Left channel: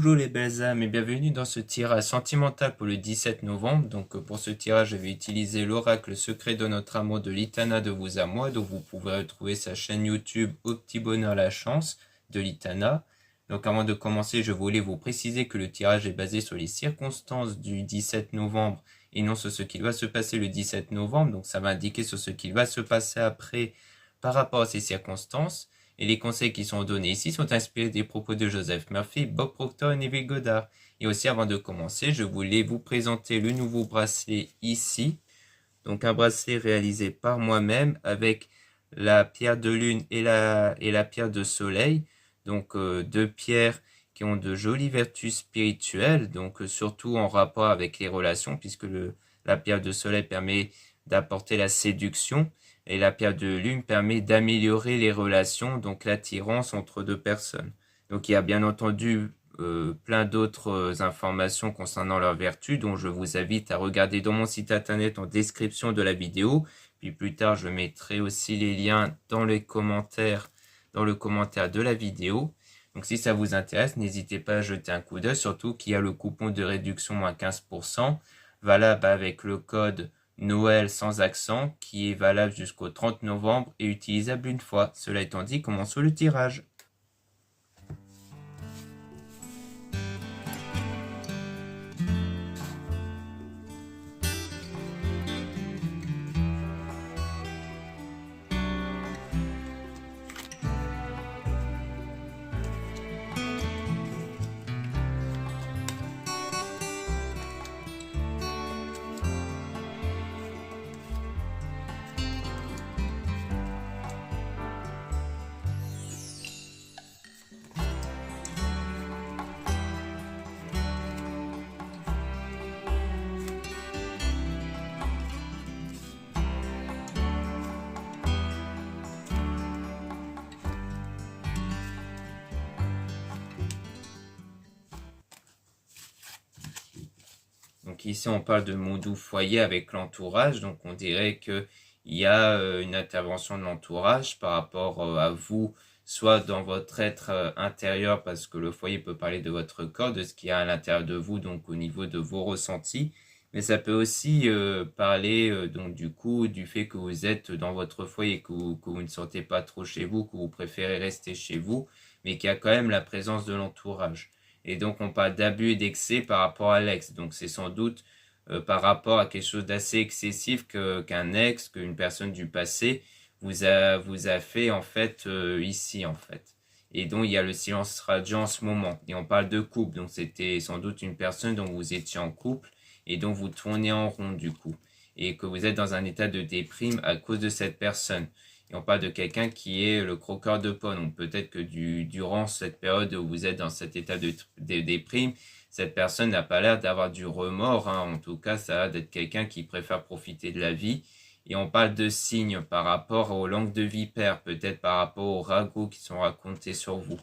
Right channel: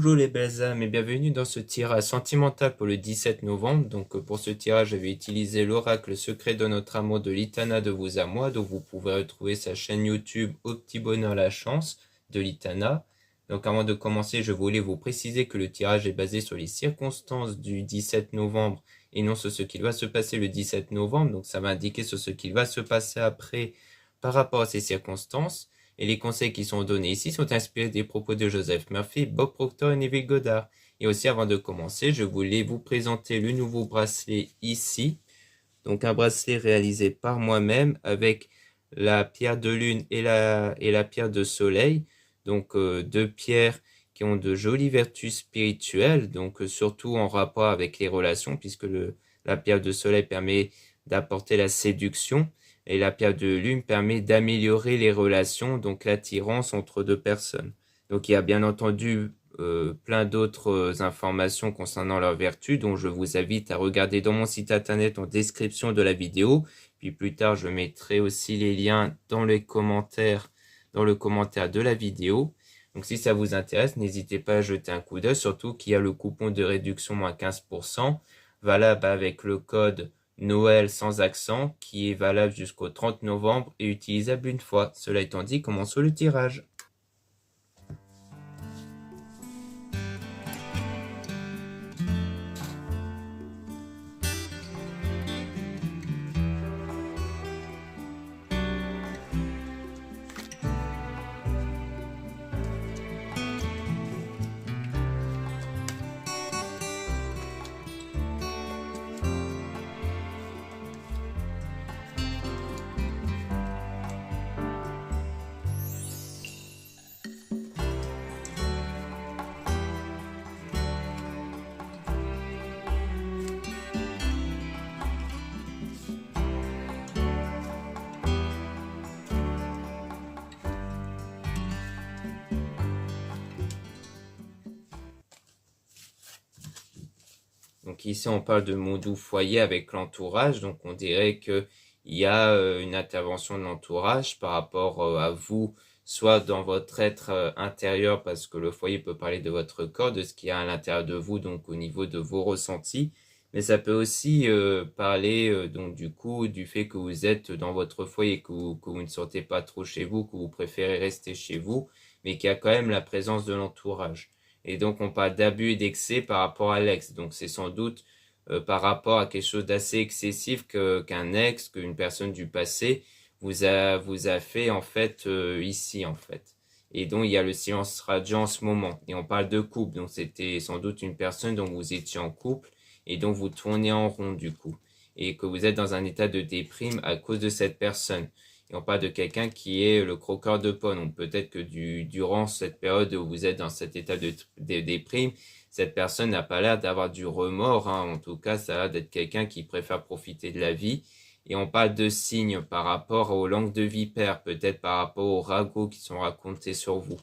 Bonjour les belles âmes et bienvenue dans ce tirage sentimental pour le 17 novembre. Donc pour ce tirage, je vais utiliser l'oracle secret de notre amour de Litana de vous à moi. Donc vous pouvez retrouver sa chaîne YouTube Au Petit Bonheur la Chance de Litana. Donc avant de commencer, je voulais vous préciser que le tirage est basé sur les circonstances du 17 novembre et non sur ce qu'il va se passer le 17 novembre. Donc ça va indiquer sur ce qu'il va se passer après par rapport à ces circonstances. Et les conseils qui sont donnés ici sont inspirés des propos de Joseph Murphy, Bob Proctor et Neville Goddard. Et aussi, avant de commencer, je voulais vous présenter le nouveau bracelet ici. Donc, un bracelet réalisé par moi-même avec la pierre de lune et la pierre de soleil. Donc, deux pierres qui ont de jolies vertus spirituelles. Donc, surtout en rapport avec les relations, puisque la pierre de soleil permet d'apporter la séduction. Et la pierre de lune permet d'améliorer les relations, donc l'attirance entre deux personnes. Donc il y a bien entendu plein d'autres informations concernant leurs vertus, dont je vous invite à regarder dans mon site internet en description de la vidéo. Puis plus tard, je mettrai aussi les liens dans les commentaires, dans le commentaire de la vidéo. Donc si ça vous intéresse, n'hésitez pas à jeter un coup d'œil, surtout qu'il y a le coupon de réduction moins 15%, valable avec le code Noël sans accent, qui est valable jusqu'au 30 novembre et utilisable une fois. Cela étant dit, commençons le tirage. Donc ici, on parle de mon doux foyer avec l'entourage. Donc on dirait qu'il y a une intervention de l'entourage par rapport à vous, soit dans votre être intérieur, parce que le foyer peut parler de votre corps, de ce qu'il y a à l'intérieur de vous, donc au niveau de vos ressentis. Mais ça peut aussi parler donc du coup du fait que vous êtes dans votre foyer, que vous ne sortez pas trop chez vous, que vous préférez rester chez vous, mais qu'il y a quand même la présence de l'entourage. Et donc, on parle d'abus et d'excès par rapport à l'ex. Donc, c'est sans doute par rapport à quelque chose d'assez excessif qu'un ex, qu'une personne du passé vous a fait, en fait, ici, en fait. Et donc, il y a le silence radiant en ce moment. Et on parle de couple. Donc, c'était sans doute une personne dont vous étiez en couple et dont vous tournez en rond, du coup. Et que vous êtes dans un état de déprime à cause de cette personne. Et on parle de quelqu'un qui est le croqueur de pommes. Donc peut-être que durant cette période où vous êtes dans cet état de déprime, cette personne n'a pas l'air d'avoir du remords. En tout cas, ça a l'air d'être quelqu'un qui préfère profiter de la vie. Et on parle de signes par rapport aux langues de vipère, peut-être par rapport aux ragots qui sont racontés sur vous.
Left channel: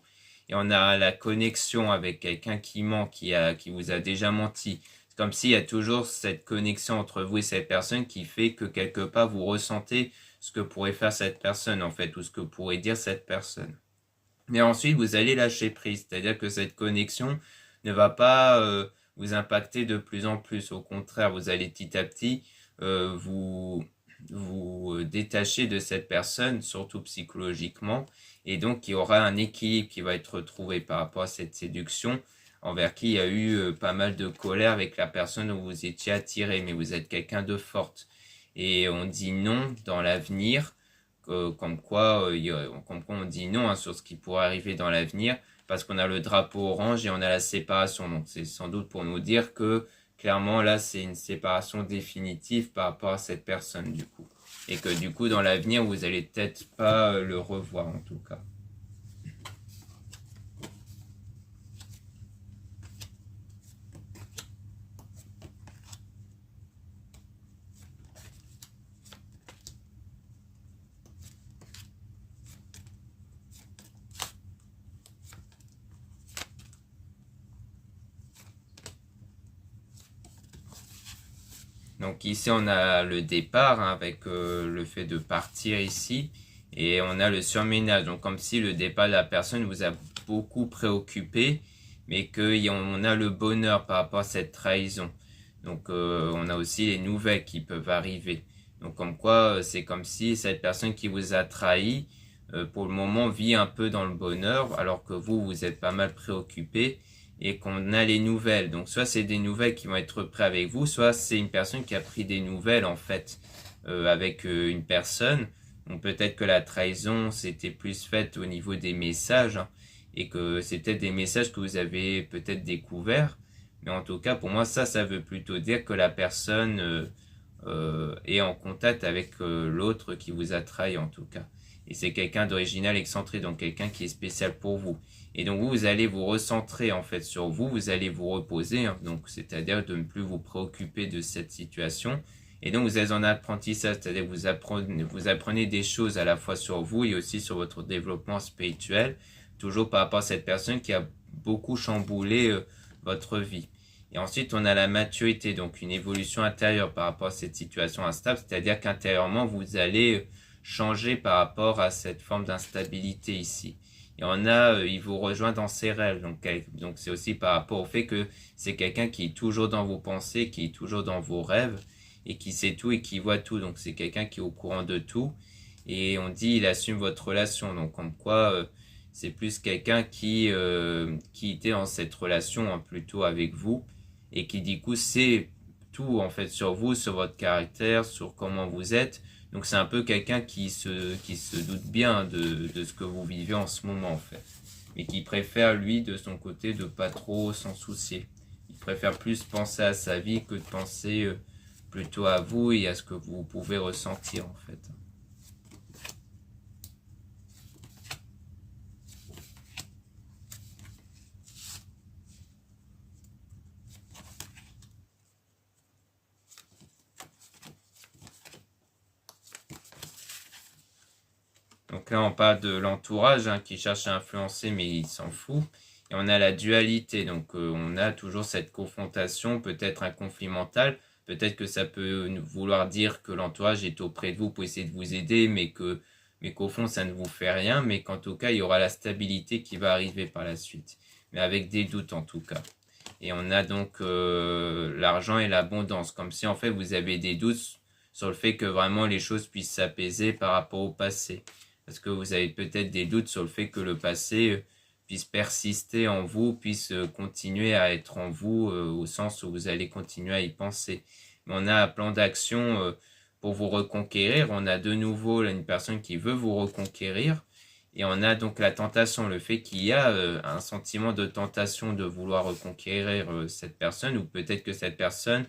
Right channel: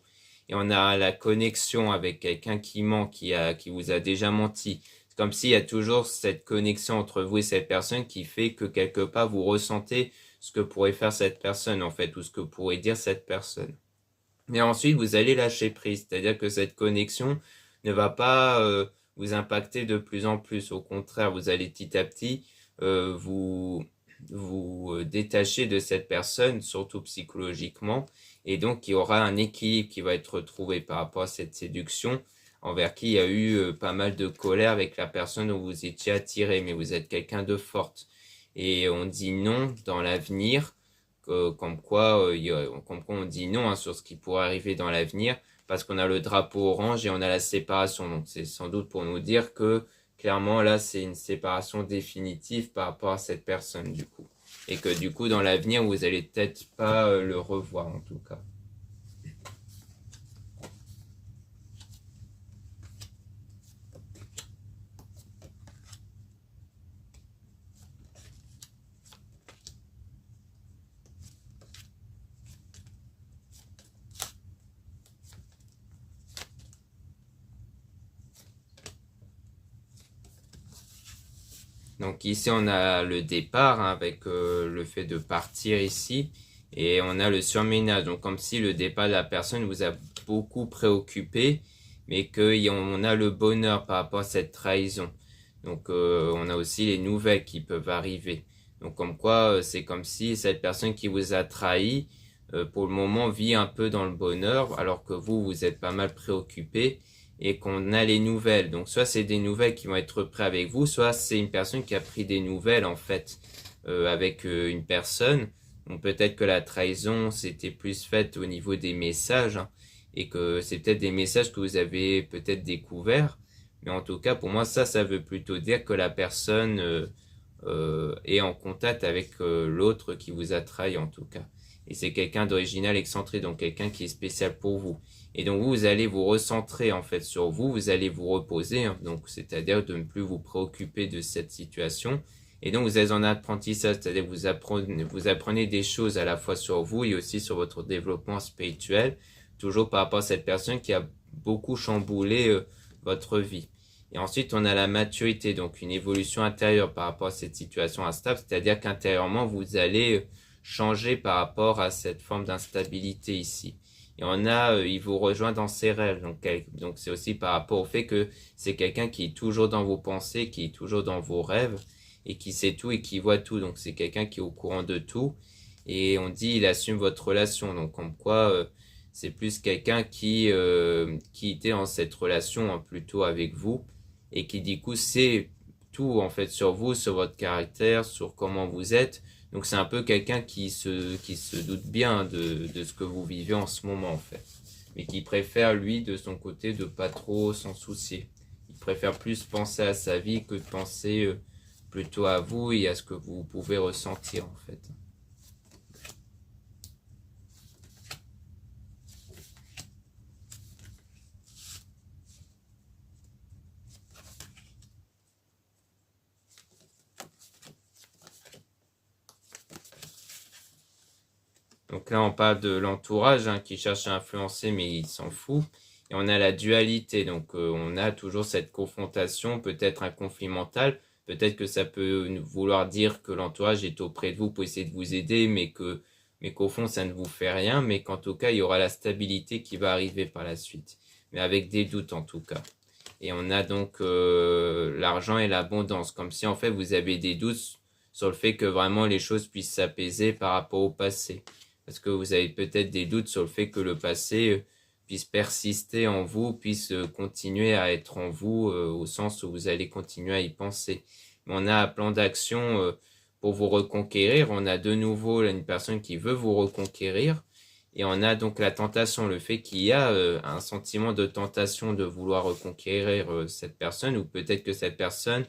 Et on a la connexion avec quelqu'un qui ment, qui vous a déjà menti. C'est comme s'il y a toujours cette connexion entre vous et cette personne qui fait que quelque part vous ressentez ce que pourrait faire cette personne en fait, ou ce que pourrait dire cette personne. Et ensuite, vous allez lâcher prise, c'est-à-dire que cette connexion ne va pas vous impacter de plus en plus. Au contraire, vous allez petit à petit vous détacher de cette personne, surtout psychologiquement, et donc il y aura un équilibre qui va être retrouvé par rapport à cette séduction envers qui il y a eu pas mal de colère avec la personne dont vous étiez attiré, mais vous êtes quelqu'un de forte. Et on dit non dans l'avenir, comme quoi on dit non sur ce qui pourrait arriver dans l'avenir, parce qu'on a le drapeau orange et on a la séparation. Donc c'est sans doute pour nous dire que clairement là c'est une séparation définitive par rapport à cette personne du coup. Et que du coup dans l'avenir vous allez peut-être pas le revoir en tout cas. Donc ici on a le départ avec le fait de partir ici et on a le surménage. Donc comme si le départ de la personne vous a beaucoup préoccupé mais qu'on a le bonheur par rapport à cette trahison. Donc on a aussi les nouvelles qui peuvent arriver. Donc comme quoi, c'est comme si cette personne qui vous a trahi, pour le moment, vit un peu dans le bonheur, alors que vous êtes pas mal préoccupé et qu'on a les nouvelles. Donc soit c'est des nouvelles qui vont être prises avec vous, soit c'est une personne qui a pris des nouvelles en fait avec une personne. Donc peut-être que la trahison c'était plus faite au niveau des messages hein, et que c'est peut-être des messages que vous avez peut-être découverts. Mais en tout cas pour moi ça veut plutôt dire que la personne est en contact avec l'autre qui vous a trahi en tout cas. Et c'est quelqu'un d'original excentré, donc quelqu'un qui est spécial pour vous. Et donc vous allez vous recentrer en fait sur vous, vous allez vous reposer, hein, donc c'est-à-dire de ne plus vous préoccuper de cette situation. Et donc vous êtes en apprentissage, c'est-à-dire que vous apprenez des choses à la fois sur vous et aussi sur votre développement spirituel, toujours par rapport à cette personne qui a beaucoup chamboulé votre vie. Et ensuite, on a la maturité, donc une évolution intérieure par rapport à cette situation instable, c'est-à-dire qu'intérieurement, vous allez changer par rapport à cette forme d'instabilité ici. Et il vous rejoint dans ses rêves, donc c'est aussi par rapport au fait que c'est quelqu'un qui est toujours dans vos pensées, qui est toujours dans vos rêves, et qui sait tout et qui voit tout, donc c'est quelqu'un qui est au courant de tout, et on dit il assume votre relation, donc comme quoi c'est plus quelqu'un qui était en cette relation hein, plutôt avec vous, et qui du coup sait tout en fait sur vous, sur votre caractère, sur comment vous êtes. Donc c'est un peu quelqu'un qui se doute bien de ce que vous vivez en ce moment en fait. Mais qui préfère lui de son côté de pas trop s'en soucier. Il préfère plus penser à sa vie que de penser plutôt à vous et à ce que vous pouvez ressentir en fait. Donc là, on parle de l'entourage hein, qui cherche à influencer, mais il s'en fout. Et on a la dualité, donc on a toujours cette confrontation, peut-être un conflit mental. Peut-être que ça peut vouloir dire que l'entourage est auprès de vous pour essayer de vous aider, mais qu'au fond, ça ne vous fait rien. Mais qu'en tout cas, il y aura la stabilité qui va arriver par la suite. Mais avec des doutes en tout cas. Et on a donc l'argent et l'abondance, comme si en fait vous avez des doutes sur le fait que vraiment les choses puissent s'apaiser par rapport au passé. Parce que vous avez peut-être des doutes sur le fait que le passé puisse persister en vous, puisse continuer à être en vous, au sens où vous allez continuer à y penser. Mais on a un plan d'action pour vous reconquérir. On a de nouveau une personne qui veut vous reconquérir. Et on a donc la tentation, le fait qu'il y a un sentiment de tentation de vouloir reconquérir cette personne, ou peut-être que cette personne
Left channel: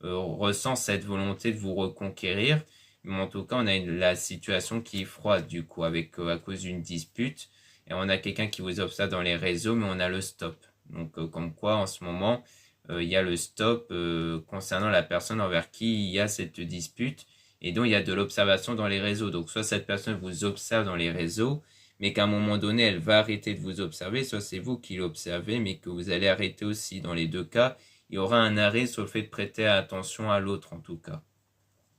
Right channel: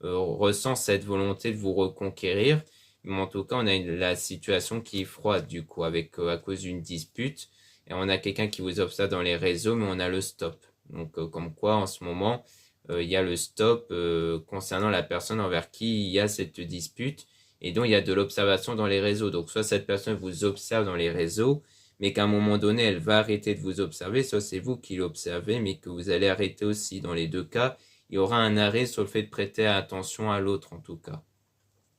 ressent cette volonté de vous reconquérir. Mais en tout cas, on a la situation qui est froide du coup, avec à cause d'une dispute. Et on a quelqu'un qui vous observe dans les réseaux, mais on a le stop. Donc comme quoi, en ce moment, il y a le stop concernant la personne envers qui il y a cette dispute. Et donc, il y a de l'observation dans les réseaux. Donc, soit cette personne vous observe dans les réseaux, mais qu'à un moment donné, elle va arrêter de vous observer, soit c'est vous qui l'observez, mais que vous allez arrêter aussi. Dans les deux cas, il y aura un arrêt sur le fait de prêter attention à l'autre, en tout cas.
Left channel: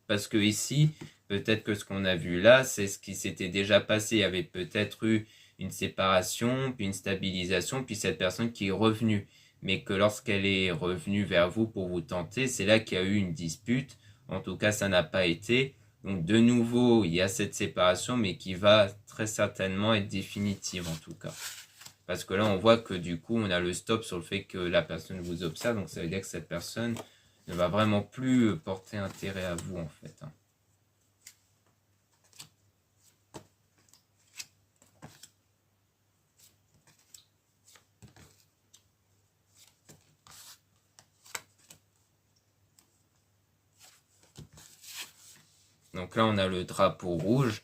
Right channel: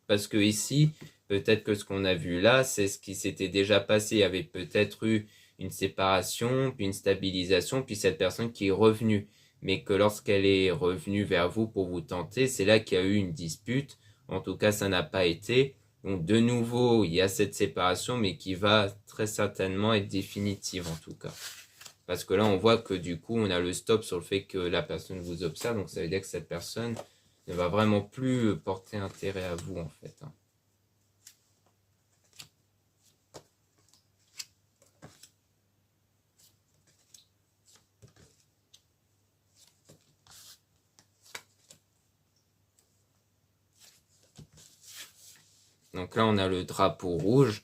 Parce que ici, peut-être que ce qu'on a vu là, c'est ce qui s'était déjà passé. Il y avait peut-être eu une séparation, puis une stabilisation, puis cette personne qui est revenue. Mais que lorsqu'elle est revenue vers vous pour vous tenter, c'est là qu'il y a eu une dispute. En tout cas, ça n'a pas été. Donc de nouveau, il y a cette séparation, mais qui va très certainement être définitive en tout cas. Parce que là, on voit que du coup, on a le stop sur le fait que la personne vous observe. Donc ça veut dire que cette personne ne va vraiment plus porter intérêt à vous en fait. Donc là, on a le drapeau rouge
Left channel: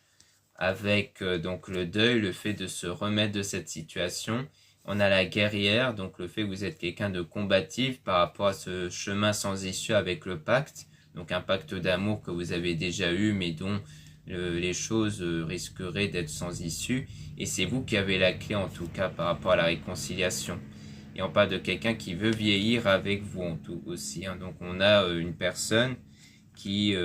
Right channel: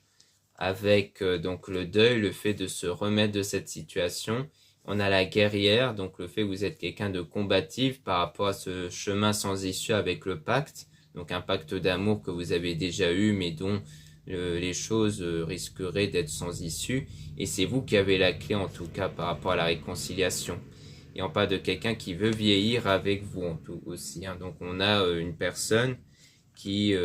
avec donc le deuil, le fait de se remettre de cette situation. On a la guerrière, donc le fait que vous êtes quelqu'un de combatif par rapport à ce chemin sans issue avec le pacte. Donc un pacte d'amour que vous avez déjà eu, mais dont les choses risqueraient d'être sans issue. Et c'est vous qui avez la clé en tout cas par rapport à la réconciliation. Et on parle de quelqu'un qui veut vieillir avec vous en tout aussi. Hein. Donc on a une personne qui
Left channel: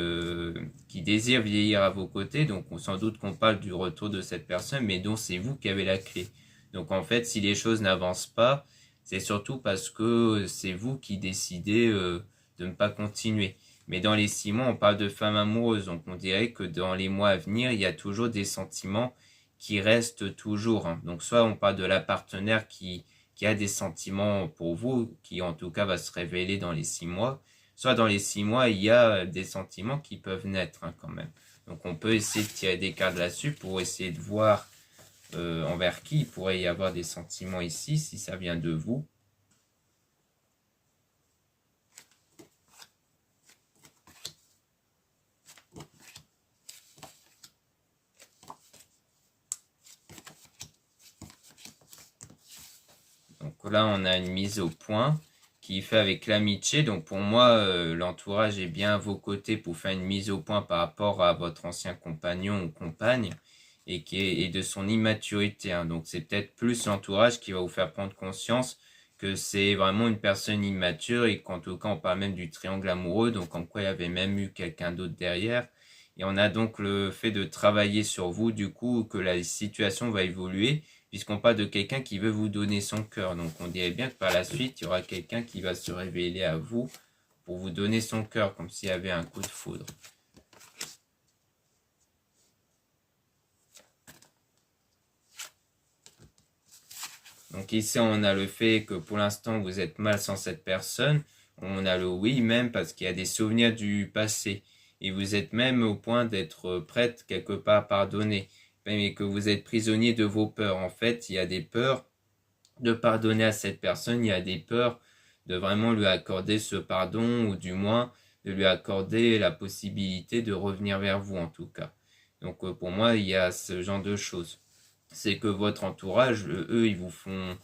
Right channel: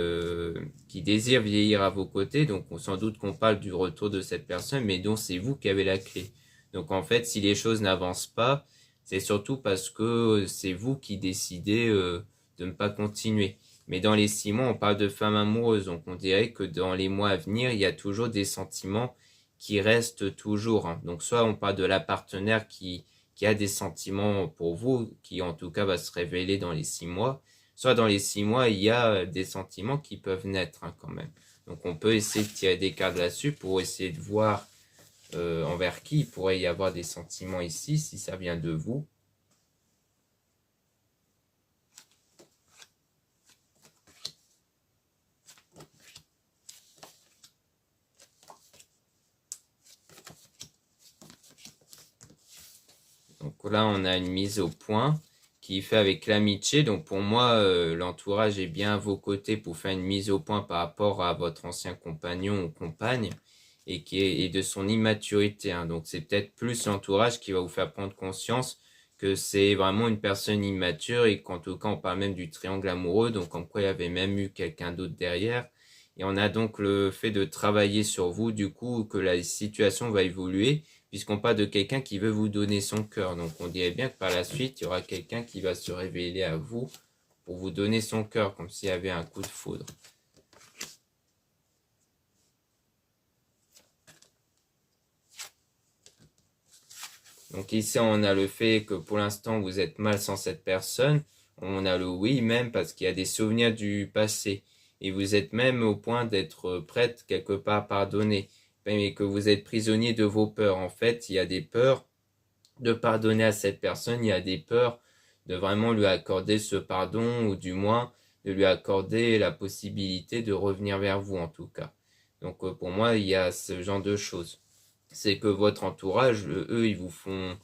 désire vieillir à vos côtés. Donc sans doute qu'on parle du retour de cette personne, mais dont c'est vous qui avez la clé. Donc en fait, si les choses n'avancent pas, c'est surtout parce que c'est vous qui décidez de ne pas continuer. Mais dans les 6 mois, on parle de femme amoureuse, donc on dirait que dans les mois à venir, il y a toujours des sentiments qui restent toujours, hein. Donc soit on parle de la partenaire qui a des sentiments pour vous, qui en tout cas va se révéler dans les 6 mois, soit dans les 6 mois, il y a des sentiments qui peuvent naître, hein, quand même. Donc on peut essayer de tirer des cartes là-dessus pour essayer de voir envers qui il pourrait y avoir des sentiments ici, si ça vient de vous. Donc là, on a une mise au point qui est faite avec l'amitié. Donc pour moi, l'entourage est bien à vos côtés pour faire une mise au point par rapport à votre ancien compagnon ou compagne et de son immaturité, hein. Donc c'est peut-être plus l'entourage qui va vous faire prendre conscience que c'est vraiment une personne immature et qu'en tout cas, on parle même du triangle amoureux, donc comme quoi il y avait même eu quelqu'un d'autre derrière. Et on a donc le fait de travailler sur vous, du coup, que la situation va évoluer puisqu'on parle de quelqu'un qui veut vous donner son cœur. Donc on dirait bien que par la suite, il y aura quelqu'un qui va se révéler à vous pour vous donner son cœur, comme s'il y avait un coup de foudre. Donc ici, on a le fait que pour l'instant, vous êtes mal sans cette personne. On a le oui même parce qu'il y a des souvenirs du passé. Et vous êtes même au point d'être prête quelque part à pardonner. Mais que vous êtes prisonnier de vos peurs. En fait, il y a des peurs de pardonner à cette personne, il y a des peurs de vraiment lui accorder ce pardon ou du moins de lui accorder la possibilité de revenir vers vous en tout cas. Donc pour moi, il y a ce genre de choses. C'est que votre entourage, eux, ils vous font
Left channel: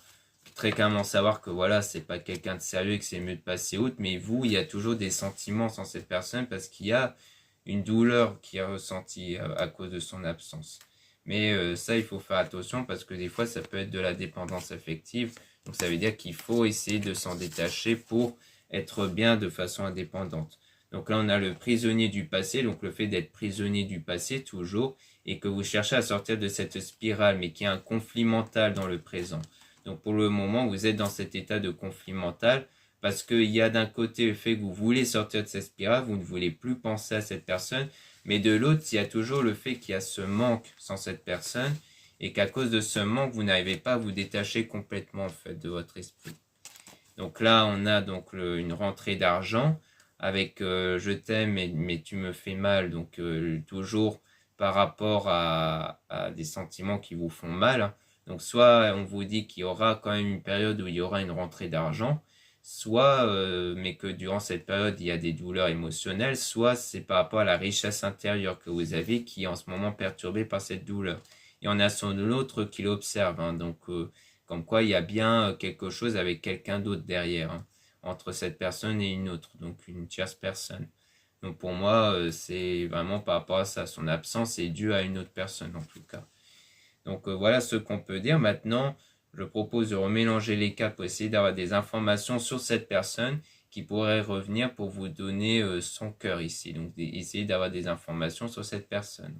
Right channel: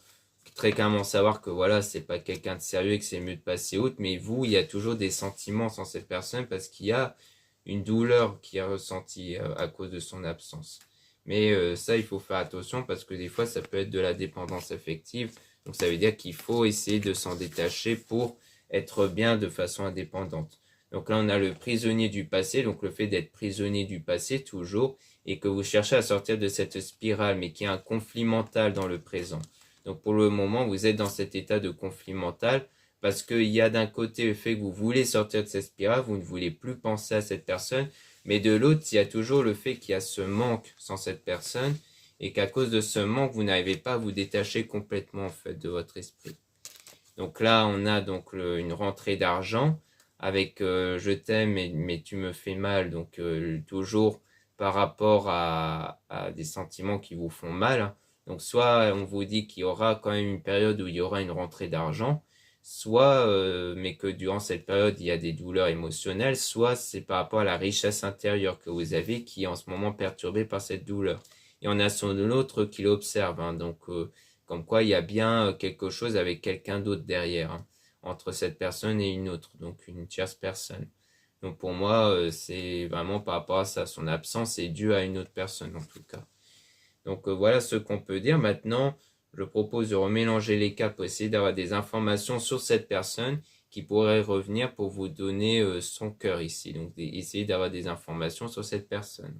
très clairement savoir que voilà, c'est pas quelqu'un de sérieux et que c'est mieux de passer outre, mais vous, il y a toujours des sentiments sans cette personne parce qu'il y a une douleur qui est ressentie à cause de son absence. Mais ça, il faut faire attention parce que des fois, ça peut être de la dépendance affective. Donc ça veut dire qu'il faut essayer de s'en détacher pour être bien de façon indépendante. Donc là, on a le prisonnier du passé, donc le fait d'être prisonnier du passé toujours, et que vous cherchez à sortir de cette spirale, mais qu'il y a un conflit mental dans le présent. Donc pour le moment, vous êtes dans cet état de conflit mental parce qu'il y a d'un côté le fait que vous voulez sortir de cette spirale, vous ne voulez plus penser à cette personne, mais de l'autre, il y a toujours le fait qu'il y a ce manque sans cette personne et qu'à cause de ce manque, vous n'arrivez pas à vous détacher complètement en fait de votre esprit. Donc là, on a donc une rentrée d'argent avec je t'aime mais tu me fais mal, donc toujours par rapport à des sentiments qui vous font mal. Donc soit on vous dit qu'il y aura quand même une période où il y aura une rentrée d'argent, soit mais que durant cette période il y a des douleurs émotionnelles, soit c'est par rapport à la richesse intérieure que vous avez qui est en ce moment perturbée par cette douleur. Et on a son autre qui l'observe, hein, donc comme quoi il y a bien quelque chose avec quelqu'un d'autre derrière, hein, entre cette personne et une autre, donc une tierce personne. Donc pour moi, c'est vraiment par rapport à ça, son absence est due à une autre personne en tout cas. Donc voilà ce qu'on peut dire. Maintenant, je propose de remélanger les cas pour essayer d'avoir des informations sur cette personne qui pourrait revenir pour vous donner son cœur ici. Donc essayer d'avoir des informations sur cette personne.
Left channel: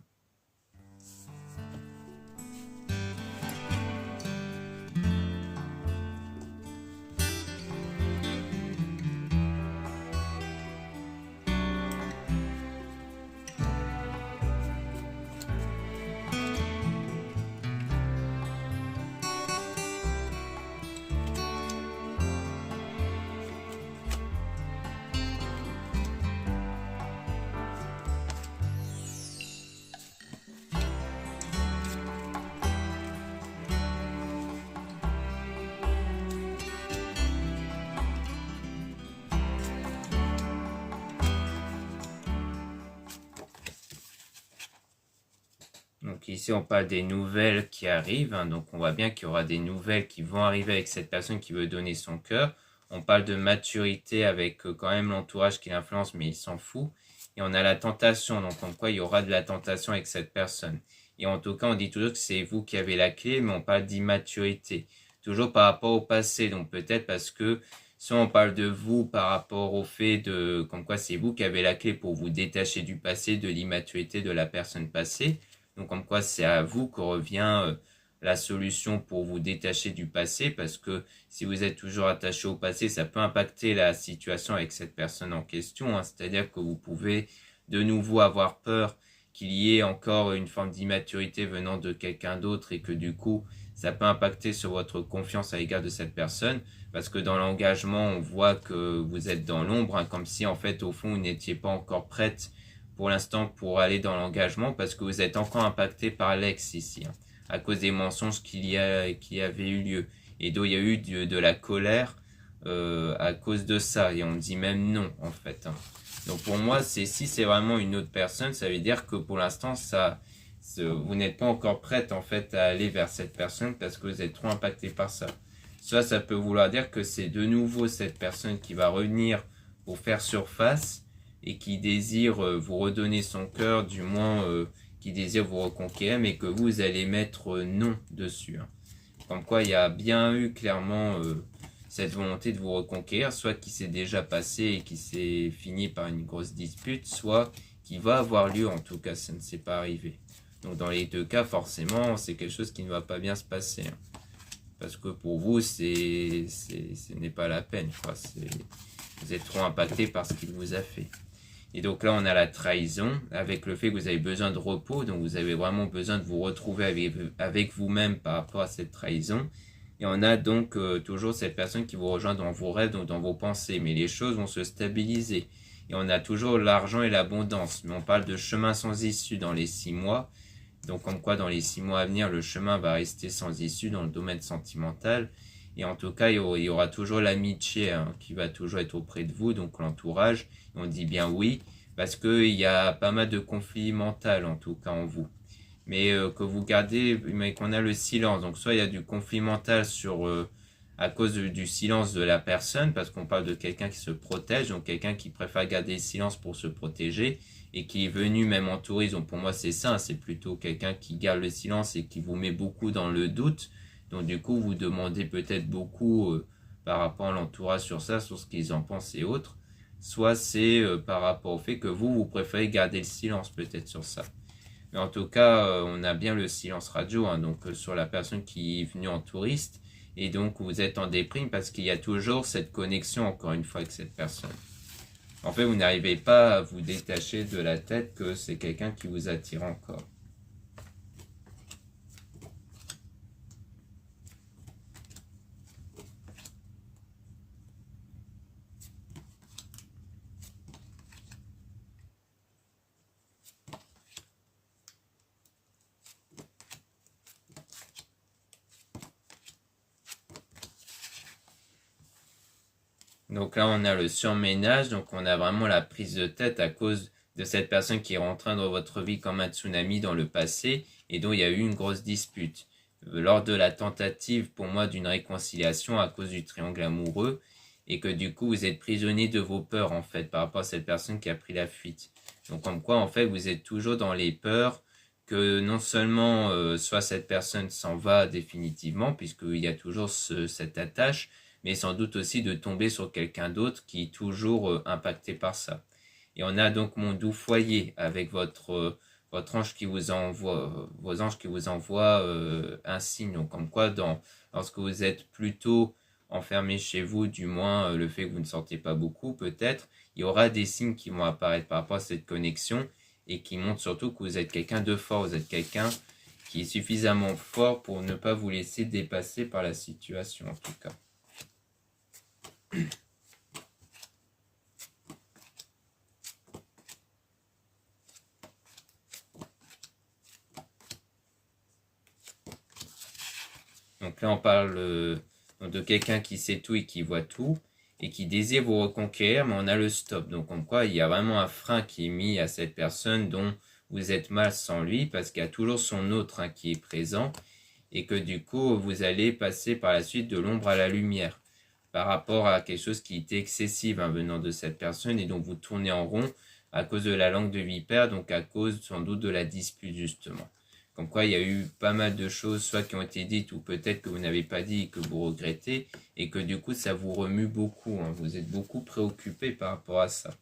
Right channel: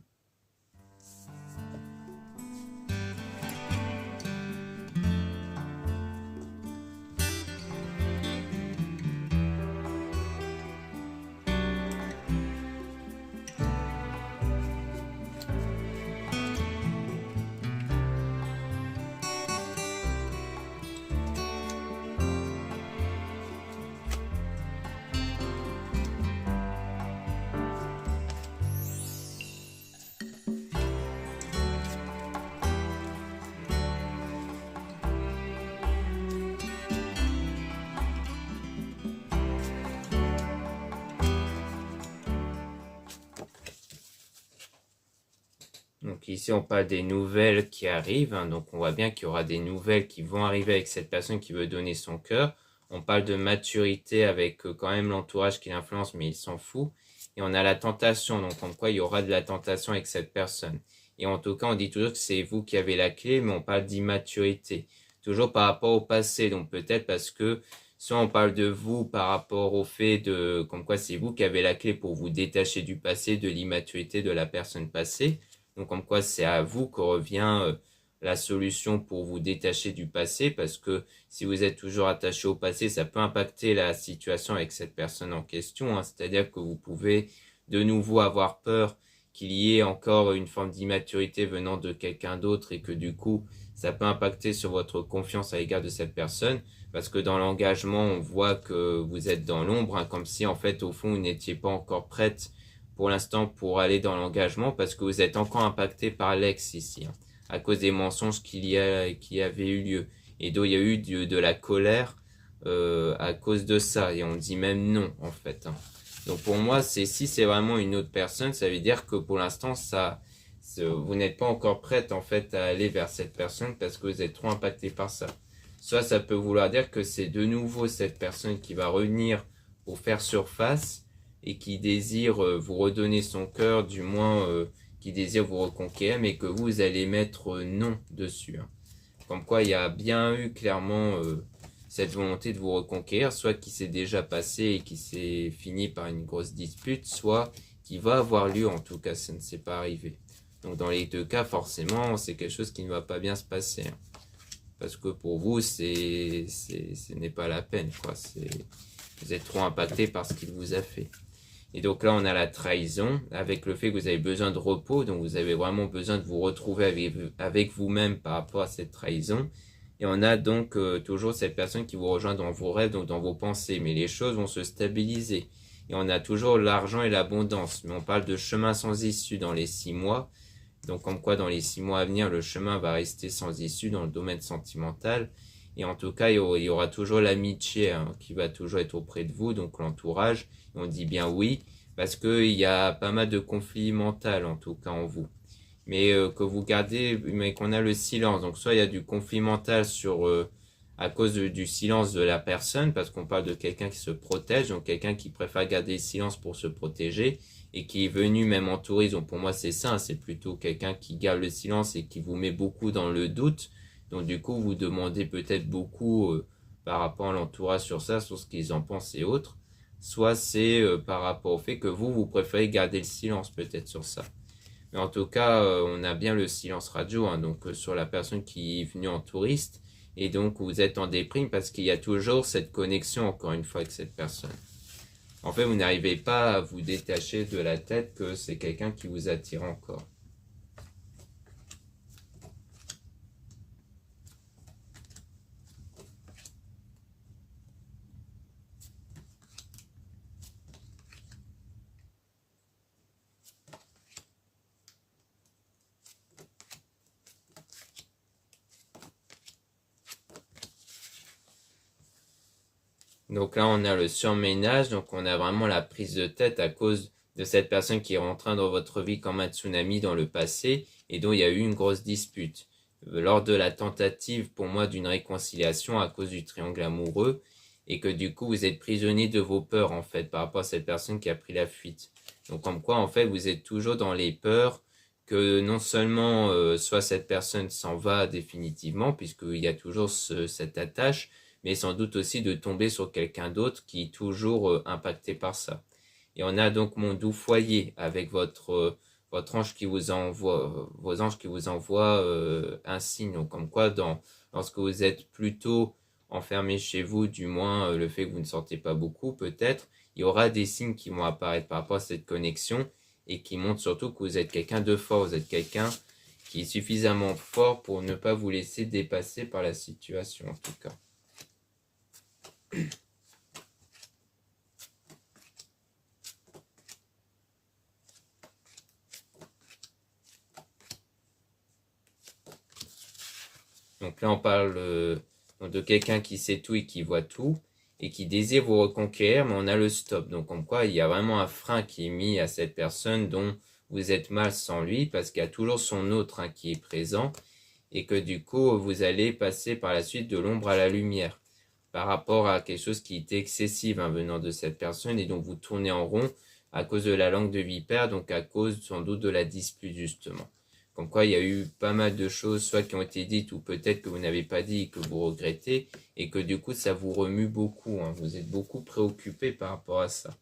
Donc ici, on parle des nouvelles qui arrivent, hein. Donc on voit bien qu'il y aura des nouvelles qui vont arriver avec cette personne qui veut donner son cœur. On parle de maturité avec quand même l'entourage qui l'influence, mais il s'en fout. Et on a la tentation, donc en quoi il y aura de la tentation avec cette personne. Et en tout cas, on dit toujours que c'est vous qui avez la clé, mais on parle d'immaturité. Toujours par rapport au passé, donc peut-être parce que soit on parle de vous par rapport au fait de, comme quoi c'est vous qui avez la clé pour vous détacher du passé, de l'immaturité de la personne passée. Donc comme quoi c'est à vous que revient la solution pour vous détacher du passé, parce que si vous êtes toujours attaché au passé, ça peut impacter la situation avec cette personne en question, hein. C'est-à-dire que vous pouvez de nouveau avoir peur qu'il y ait encore une forme d'immaturité venant de quelqu'un d'autre et que du coup, ça peut impacter sur votre confiance à l'égard de cette personne, parce que dans l'engagement, on voit que vous êtes dans l'ombre, hein, comme si en fait, au fond, vous n'étiez pas encore prête pour l'instant pour aller dans l'engagement, parce que vous êtes encore impacté par l'ex ici, hein, à cause des mensonges qui avaient eu lieu. Et donc, il y a eu de la colère à cause de ça, et on dit même non, en fait, hein. Donc pour moi, si c'est vraiment une autre personne, ça veut dire que pour l'instant, vous n'êtes pas encore prête en fait à aller vers cette personne parce que vous êtes trop impacté par ça. Soit ça peut vouloir dire que c'est de nouveau cette personne qui va revenir pour faire surface et qui désire vous redonner son cœur, du moins qui désire vous reconquérir, mais que vous allez mettre non dessus, hein. Comme quoi il y a bien eu clairement cette volonté de vous reconquérir, soit qui s'est déjà passé et qui s'est fini par une grosse dispute, soit qui va avoir lieu, en tout cas ça ne s'est pas arrivé. Donc dans les deux cas, forcément, c'est quelque chose qui ne va pas bien se passer, hein. Parce que pour vous, ce n'est pas la peine, quoi. Vous êtes trop impacté par ce qu'il vous a fait. Et donc là, on a la trahison, avec le fait que vous avez besoin de repos, donc vous avez vraiment besoin de vous retrouver avec vous-même par rapport à cette trahison. Et on a donc toujours cette personne qui vous rejoint dans vos rêves, donc dans vos pensées, mais les choses vont se stabiliser. Et on a toujours l'argent et l'abondance, mais on parle de chemin sans issue dans les 6 mois. Donc comme quoi dans les 6 mois à venir, le chemin va rester sans issue dans le domaine sentimental. Et en tout cas, il y aura toujours l'amitié, hein, qui va toujours être auprès de vous, donc l'entourage. Et on dit bien oui, parce qu'il y a pas mal de conflits mentaux, en tout cas en vous. Mais que vous gardez, mais qu'on a le silence. Donc soit il y a du conflit mental à cause du silence de la personne, parce qu'on parle de quelqu'un qui se protège, donc quelqu'un qui préfère garder le silence pour se protéger, et qui est venu même en tourisme. Donc pour moi c'est ça, c'est plutôt quelqu'un qui garde le silence et qui vous met beaucoup dans le doute. Donc du coup vous demandez peut-être beaucoup par rapport à l'entourage sur ça, sur ce qu'ils en pensent et autres. Soit c'est par rapport au fait que vous préférez garder le silence peut-être sur ça. Mais en tout cas, on a bien le silence radio, hein, donc sur la personne qui est venue en touriste. Et donc, vous êtes en déprime parce qu'il y a toujours cette connexion, encore une fois, avec cette personne. En fait, vous n'arrivez pas à vous détacher de la tête que c'est quelqu'un qui vous attire encore. Donc là, on a le surménage, donc on a vraiment la prise de tête à cause de cette personne qui est rentrée dans votre vie comme un tsunami dans le passé et dont il y a eu une grosse dispute. Lors de la tentative, pour moi, d'une réconciliation à cause du triangle amoureux, et que du coup, vous êtes prisonnier de vos peurs, en fait, par rapport à cette personne qui a pris la fuite. Donc, comme quoi, en fait, vous êtes toujours dans les peurs que non seulement soit cette personne s'en va définitivement, puisqu'il y a toujours cette attache, mais sans doute aussi de tomber sur quelqu'un d'autre qui est toujours impacté par ça. Et on a donc mon doux foyer avec votre ange qui vous envoie, vos anges qui vous envoient un signe. Donc, comme quoi, lorsque vous êtes plutôt enfermé chez vous, du moins le fait que vous ne sortez pas beaucoup, peut-être, il y aura des signes qui vont apparaître par rapport à cette connexion et qui montrent surtout que vous êtes quelqu'un de fort, vous êtes quelqu'un qui est suffisamment fort pour ne pas vous laisser dépasser par la situation, en tout cas. Donc là, on parle de quelqu'un qui sait tout et qui voit tout et qui désire vous reconquérir, mais on a le stop. Donc comme quoi, il y a vraiment un frein qui est mis à cette personne dont vous êtes mal sans lui, parce qu'il y a toujours son autre, hein, qui est présent, et que du coup, vous allez passer par la suite de l'ombre à la lumière par rapport à quelque chose qui était excessif, hein, venant de cette personne, et donc vous tournez en rond à cause de la langue de vipère, donc à cause sans doute de la dispute justement. Comme quoi il y a eu pas mal de choses, soit qui ont été dites, ou peut-être que vous n'avez pas dit et que vous regrettez, et que du coup ça vous remue beaucoup, hein. Vous êtes beaucoup préoccupé par rapport à ça.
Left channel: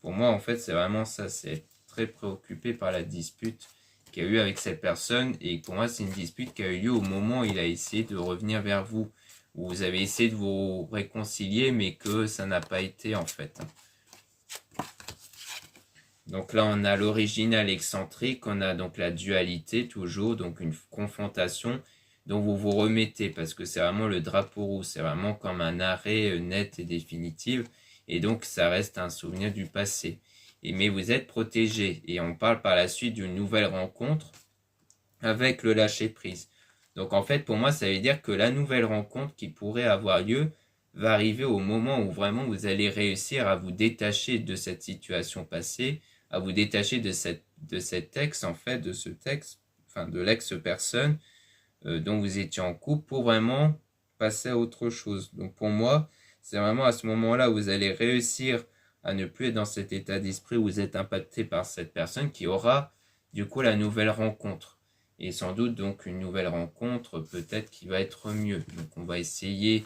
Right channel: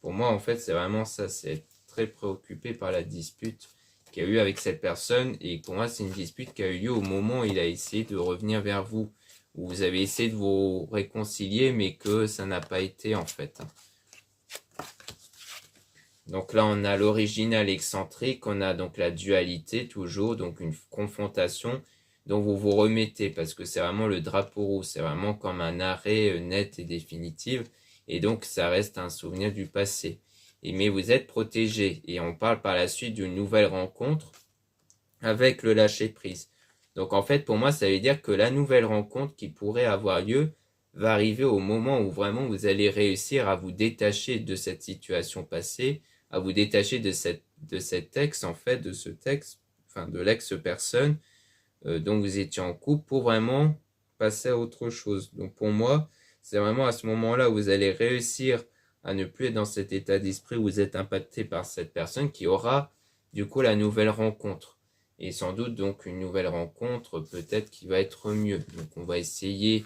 Pour moi en fait c'est vraiment ça, c'est être très préoccupé par la dispute qu'il y a eu avec cette personne. Et pour moi, c'est une dispute qui a eu lieu au moment où il a essayé de revenir vers vous. Où vous avez essayé de vous réconcilier, mais que ça n'a pas été en fait. Donc là, on a l'original excentrique, on a donc la dualité toujours, donc une confrontation dont vous vous remettez parce que c'est vraiment le drapeau rouge, c'est vraiment comme un arrêt net et définitif et donc ça reste un souvenir du passé. Mais vous êtes protégé et on parle par la suite d'une nouvelle rencontre avec le lâcher-prise. Donc en fait, pour moi, ça veut dire que la nouvelle rencontre qui pourrait avoir lieu va arriver au moment où vraiment vous allez réussir à vous détacher de cette situation passée, à vous détacher de cet ex, en fait, de ce texte, enfin de l'ex-personne dont vous étiez en couple pour vraiment passer à autre chose. Donc pour moi, c'est vraiment à ce moment-là où vous allez réussir à ne plus être dans cet état d'esprit où vous êtes impacté par cette personne qui aura du coup la nouvelle rencontre. Et sans doute donc une nouvelle rencontre peut-être qui va être mieux. Donc on va essayer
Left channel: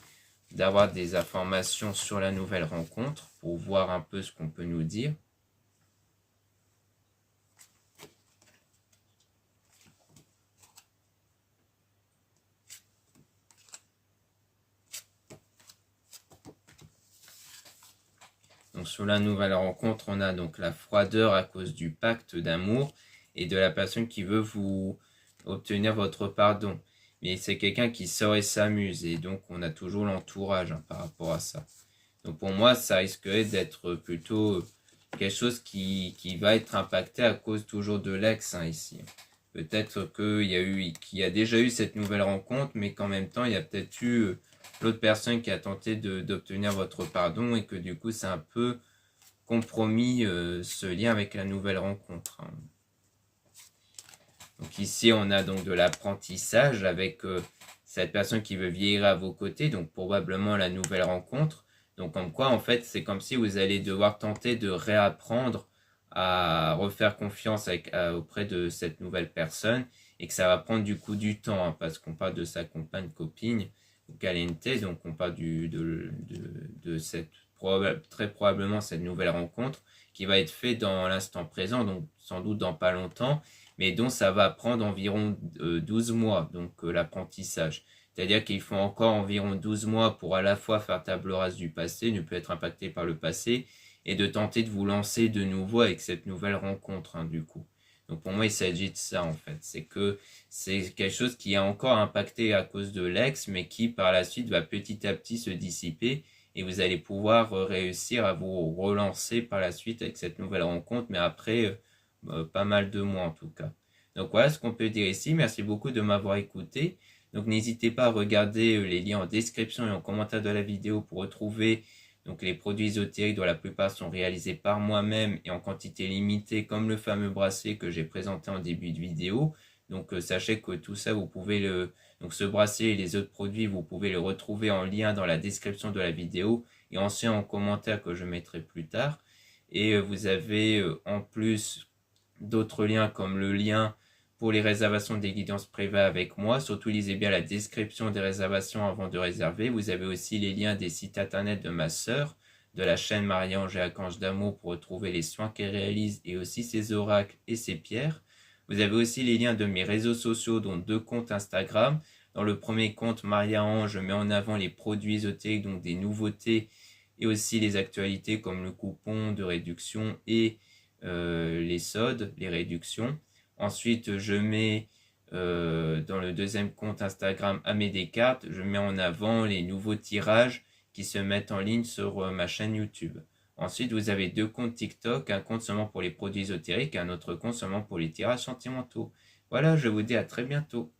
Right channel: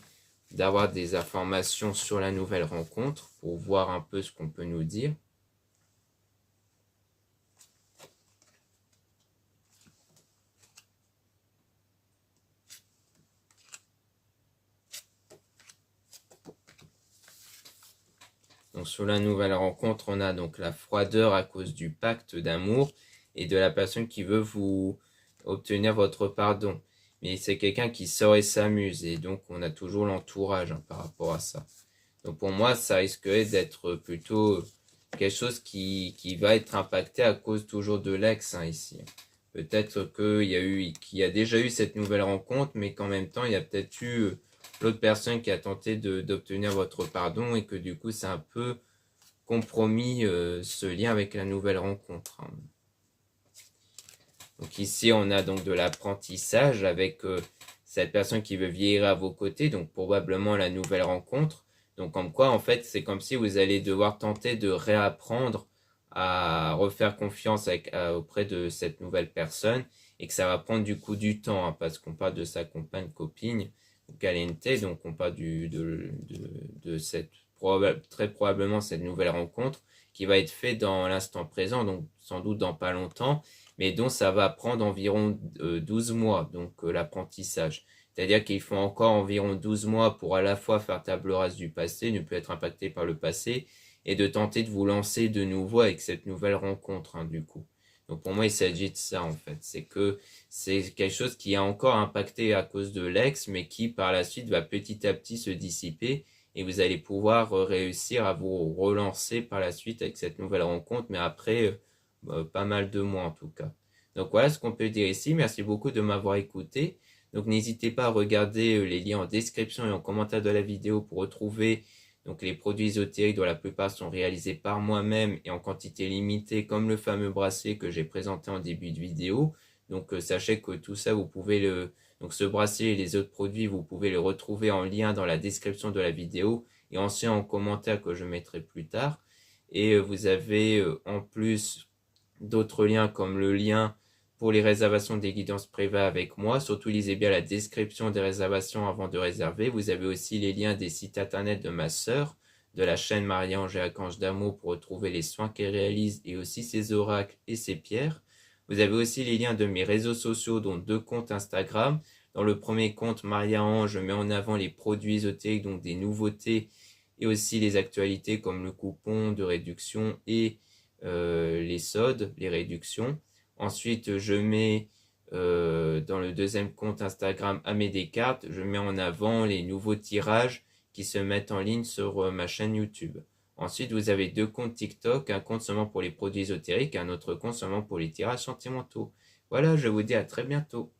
d'avoir des informations sur la nouvelle rencontre pour voir un peu ce qu'on peut nous dire. Donc sur la nouvelle rencontre, on a donc la froideur à cause du pacte d'amour et de la personne qui veut vous obtenir votre pardon. Mais c'est quelqu'un qui sort et s'amuse et donc on a toujours l'entourage par rapport à ça. Donc pour moi, ça risquerait d'être plutôt quelque chose qui va être impacté à cause toujours de l'ex ici. Peut-être qu'il y a déjà eu cette nouvelle rencontre, mais qu'en même temps, il y a peut-être eu l'autre personne qui a tenté d'obtenir votre pardon et que du coup, c'est un peu compromis ce lien avec la nouvelle rencontre. Donc ici, on a donc de l'apprentissage avec cette personne qui veut vieillir à vos côtés, donc probablement la nouvelle rencontre. Donc comme quoi, en fait, c'est comme si vous allez devoir tenter de réapprendre à refaire confiance auprès de cette nouvelle personne et que ça va prendre du coup du temps, parce qu'on parle de sa compagne, copine, ou caliente, donc on parle de cette très probablement cette nouvelle rencontre qui va être faite dans l'instant présent, donc sans doute dans pas longtemps, mais dont ça va prendre environ 12 mois, donc l'apprentissage. C'est-à-dire qu'il faut encore environ 12 mois pour à la fois faire table rase du passé, ne plus être impacté par le passé, et de tenter de vous lancer de nouveau avec cette nouvelle rencontre, du coup. Donc pour moi, il s'agit de ça, en fait. C'est que c'est quelque chose qui a encore impacté à cause de l'ex, mais qui par la suite va petit à petit se dissiper, et vous allez pouvoir réussir à vous relancer par la suite avec cette nouvelle rencontre, mais après pas mal de mois en tout cas. Donc voilà ce qu'on peut dire ici. Merci beaucoup de m'avoir écouté. Donc n'hésitez pas à regarder les liens en description et en commentaire de la vidéo pour retrouver donc les produits ésotériques dont la plupart sont réalisés par moi-même et en quantité limitée comme le fameux bracelet que j'ai présenté en début de vidéo. Donc sachez que tout ça vous pouvez donc ce bracelet et les autres produits vous pouvez le retrouver en lien dans la description de la vidéo et ensuite en commentaire que je mettrai plus tard. Et vous avez en plus d'autres liens comme le lien pour les réservations des guidances privées avec moi. Surtout lisez bien la description des réservations avant de réserver. Vous avez aussi les liens des sites internet de ma sœur, de la chaîne Marie-Ange et Archange d'amour pour retrouver les soins qu'elle réalise et aussi ses oracles et ses pierres. Vous avez aussi les liens de mes réseaux sociaux, dont 2 comptes Instagram. Dans le premier compte, Maria-Ange, je mets en avant les produits ésotériques, donc des nouveautés et aussi les actualités comme le coupon de réduction et les soldes, les réductions. Ensuite, je mets dans le deuxième compte Instagram Amé Descartes, je mets en avant les nouveaux tirages qui se mettent en ligne sur ma chaîne YouTube. Ensuite, vous avez 2 comptes TikTok, un compte seulement pour les produits ésotériques et un autre compte seulement pour les tirages sentimentaux. Voilà, je vous dis à très bientôt.